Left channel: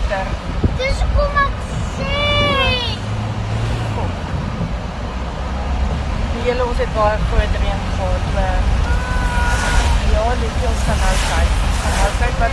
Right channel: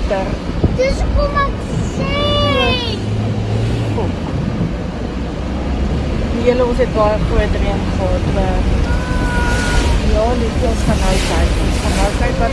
water. Diyos ko, mag-shake! Yellow kasi ito, pwede rin ito. Yun, ito sa kanal. Bakit ba